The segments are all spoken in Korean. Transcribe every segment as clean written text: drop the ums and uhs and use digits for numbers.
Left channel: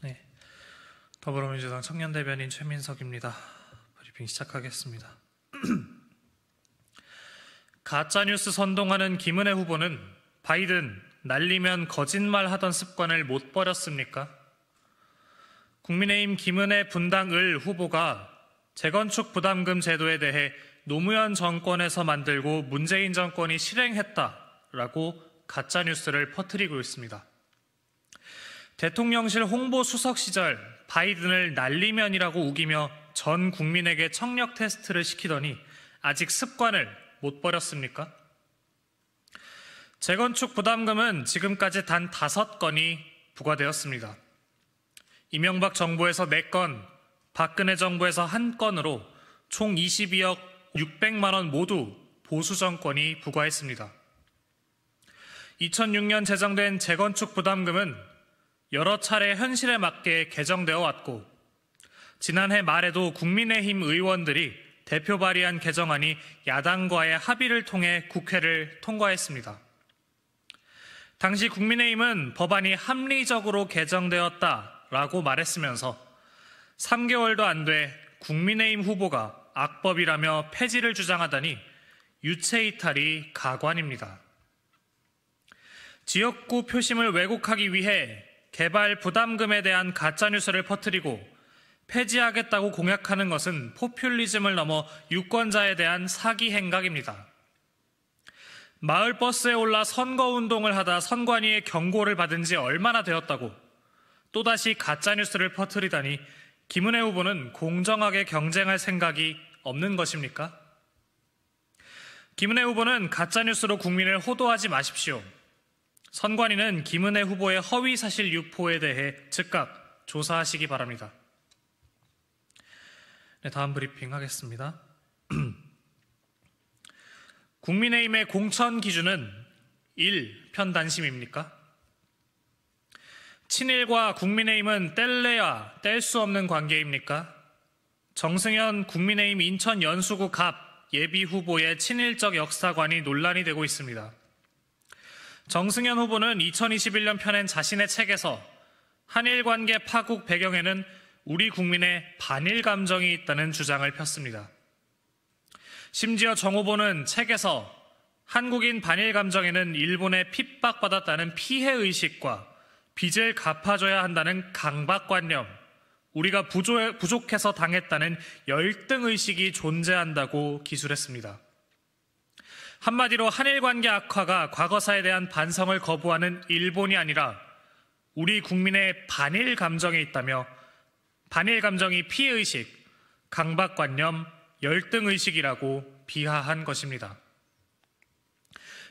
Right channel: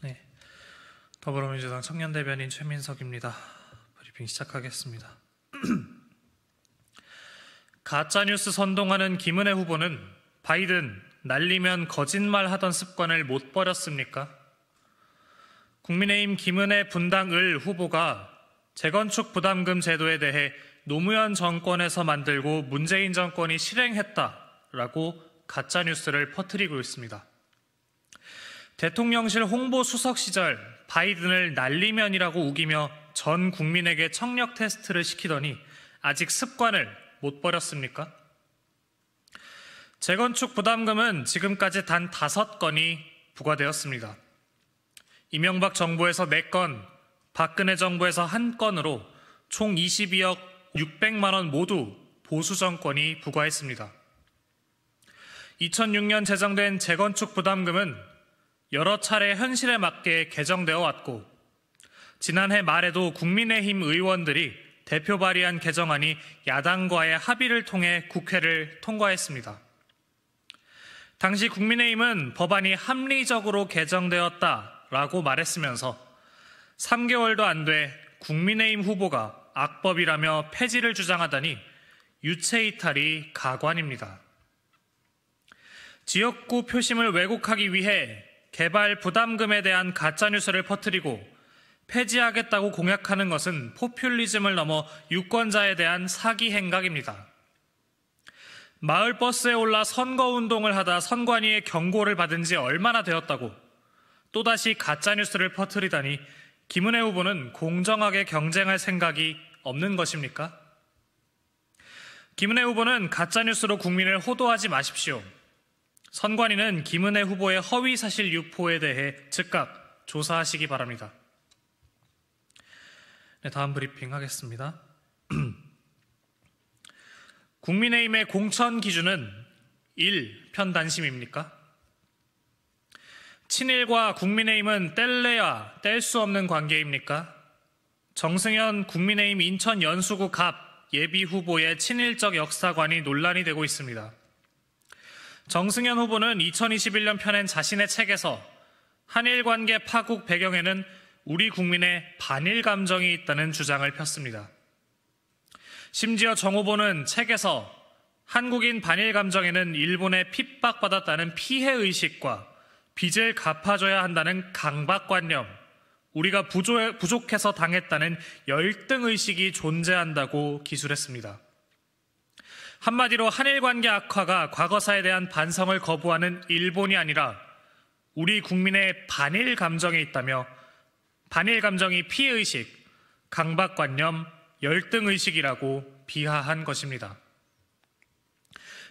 네, 더불어민주당 청년대변인 최민석입니다. 브리핑 시작하겠습니다. 가짜뉴스 선동하는 김은혜 후보는 바이든 날리면 거짓말하던 습관을 못 버렸습니까? 국민의힘 김은혜 분당을 후보가 재건축 부담금 제도에 대해 노무현 정권에서 만들고 문재인 정권이 실행했다라고 가짜뉴스를 퍼뜨리고 있습니다. 대통령실 홍보수석 시절 바이든을 날리면이라고 우기며 전 국민에게 청력 테스트를 시키더니 아직 습관을 못 버렸습니까? 재건축 부담금은 지금까지 단 5건이 부과되었습니다. 이명박 정부에서 4건, 박근혜 정부에서 1건으로 총 22억 600만 원 모두 보수 정권이 부과했습니다. 2006년 제정된 재건축 부담금은 여러 차례 현실에 맞게 개정되어 왔고 지난해 말에도 국민의힘 의원들이 대표 발의한 개정안이 야당과의 합의를 통해 국회를 통과했습니다. 당시 국민의힘은 법안이 합리적으로 개정되었다라고 말했으면서 3개월도 안 돼 국민의힘 후보가 악법이라며 폐지를 주장하다니 유체이탈이 가관입니다. 지역구 표심을 왜곡하기 위해 개발 부담금에 대한 가짜뉴스를 퍼뜨리고 폐지하겠다고 공약하는 것은 포퓰리즘을 넘어 유권자에 대한 사기 행각입니다. 마을버스에 올라 선거운동을 하다 선관위의 경고를 받은 지 얼마나 되었다고 또다시 가짜뉴스를 퍼뜨리다니 김은혜 후보는 공정하게 경쟁할 생각이 없는 것입니까? 김은혜 후보는 가짜뉴스로 국민을 호도하지 마십시오. 선관위는 김은혜 후보의 허위사실 유포에 대해 즉각 조사하시기 바랍니다. 네, 다음 브리핑 하겠습니다. 국민의힘의 공천 기준은 1. 편단심입니까? 친일과 국민의힘은 뗄래야 뗄 수 없는 관계입니까? 정승현 국민의힘 인천 연수구 갑 예비후보의 친일적 역사관이 논란이 되고 있습니다. 정승현 후보는 2021년 펴낸 자신의 책에서 한일관계 파국 배경에는 우리 국민의 반일 감정이 있다는 주장을 폈습니다. 심지어 정 후보는 책에서 한국인 반일 감정에는 일본에 핍박받았다는 피해의식과 빚을 갚아줘야 한다는 강박관념, 우리가 부족해서 당했다는 열등의식이 존재한다고 기술했습니다. 한마디로 한일관계 악화가 과거사에 대한 반성을 거부하는 일본이 아니라 우리 국민의 반일 감정에 있다며 반일 감정이 피해의식, 강박관념, 열등의식이라고 비하한 것입니다.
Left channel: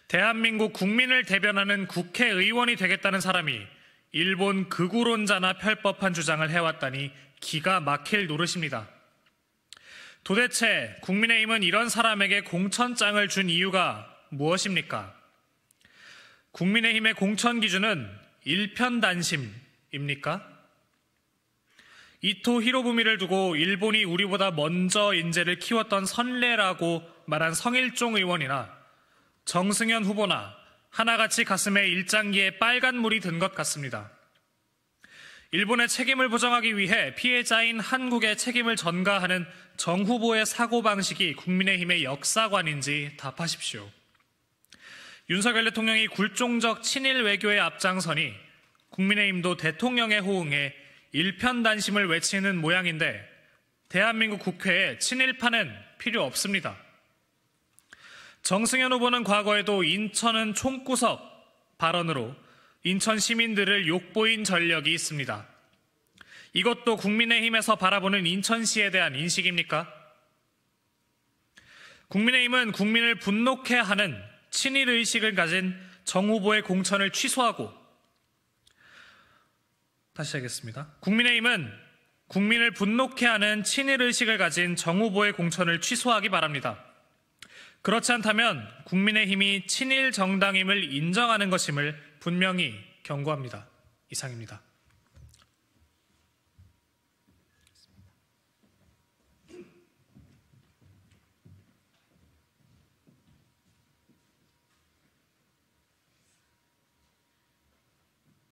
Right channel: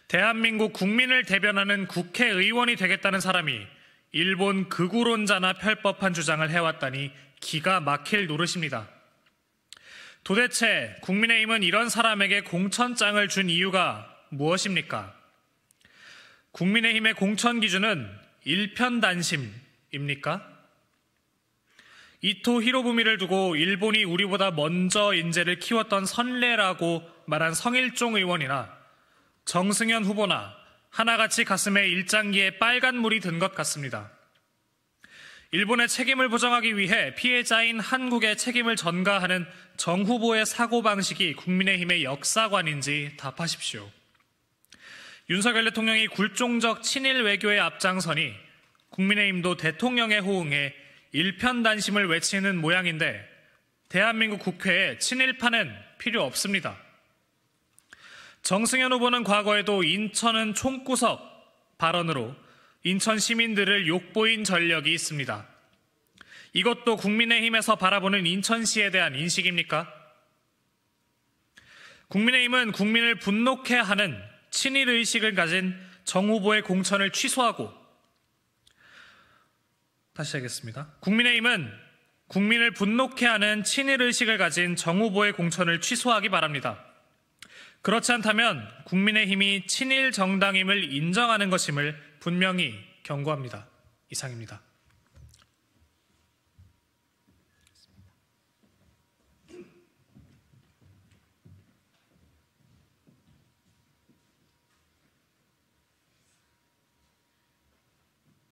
대한민국 국민을 대변하는 국회의원이 되겠다는 사람이 일본 극우론자나 펼법한 주장을 해왔다니 기가 막힐 노릇입니다. 도대체 국민의힘은 이런 사람에게 공천장을 준 이유가 무엇입니까? 국민의힘의 공천 기준은 일편단심입니까? 이토 히로부미를 두고 일본이 우리보다 먼저 인재를 키웠던 선례라고 말한 성일종 의원이나 정승현 후보나 하나같이 가슴에 일장기에 빨간 물이 든 것 같습니다. 일본의 책임을 부정하기 위해 피해자인 한국의 책임을 전가하는 정 후보의 사고방식이 국민의힘의 역사관인지 답하십시오. 윤석열 대통령이 굴종적 친일 외교에 앞장서니 국민의힘도 대통령에 호응해 일편단심을 외치는 모양인데 대한민국 국회에 친일파는 필요 없습니다. 정승현 후보는 과거에도 인천은 총구석 발언으로 인천 시민들을 욕보인 전력이 있습니다. 이것도 국민의힘에서 바라보는 인천시에 대한 인식입니까? 국민의힘은 국민을 분노케 하는 친일의식을 가진 정 후보의 공천을 취소하고 다시 하겠습니다. 국민의힘은 국민을 분노케 하는 친일의식을 가진 정 후보의 공천을 취소하기 바랍니다. 그렇지 않다면 국민의힘이 친일 정당임을 인정하는 것임을 분명히 경고합니다. 이상입니다.